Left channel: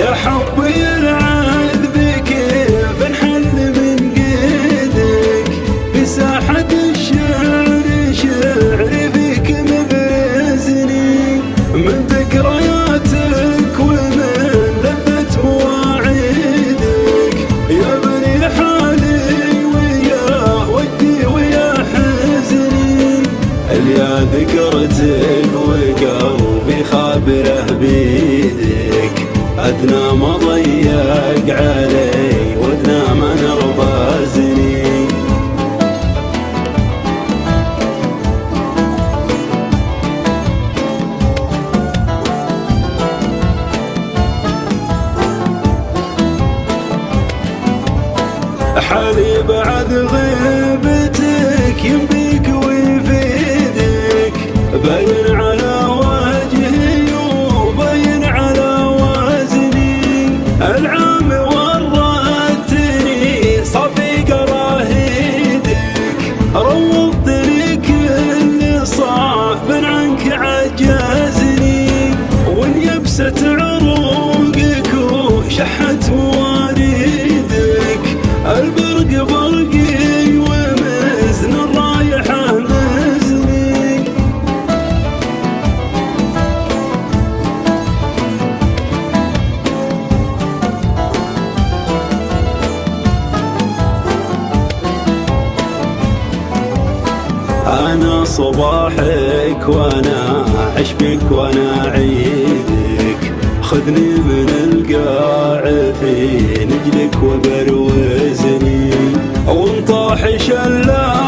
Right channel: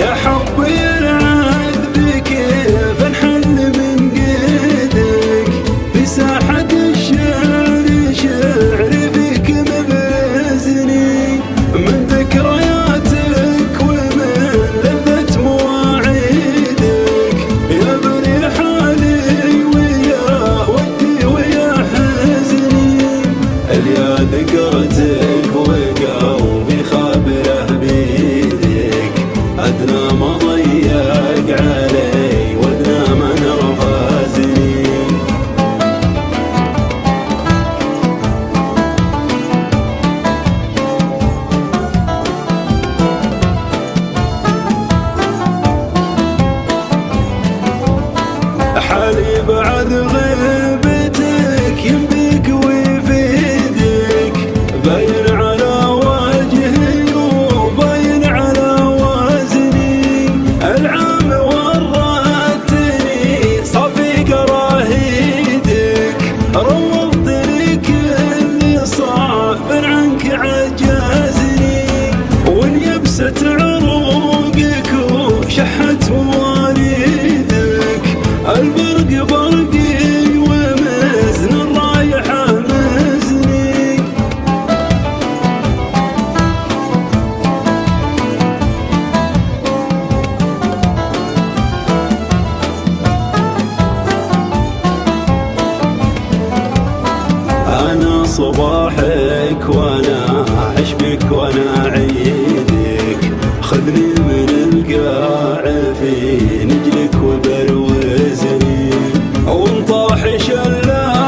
يا حبي العذب كيف انحل من قيدك في ساحة الشعر شعري فيك مبزني من ذكرياتك ومن لذة مواعيدك يا بني حالي ويا ودي ويا حزني اليا ذكرتك وقلبي خابره بيدك أدنى ما ضيق علي وأدنى ما نرفزني حالي بعد غيبتك ينبيك ويفيدك باين على وجهي وباين على وزني العام ورطتني صافي قراهيدك روضت لي كل صعب عنك عجزني واليبسة عروقك وشحت مواريدك البرق برقي ومزن الرايحة مزني أنا صباحك وأنا عشبك وأنا عيدك خذني من القاع في نجلك وبروزني وانطاح شلال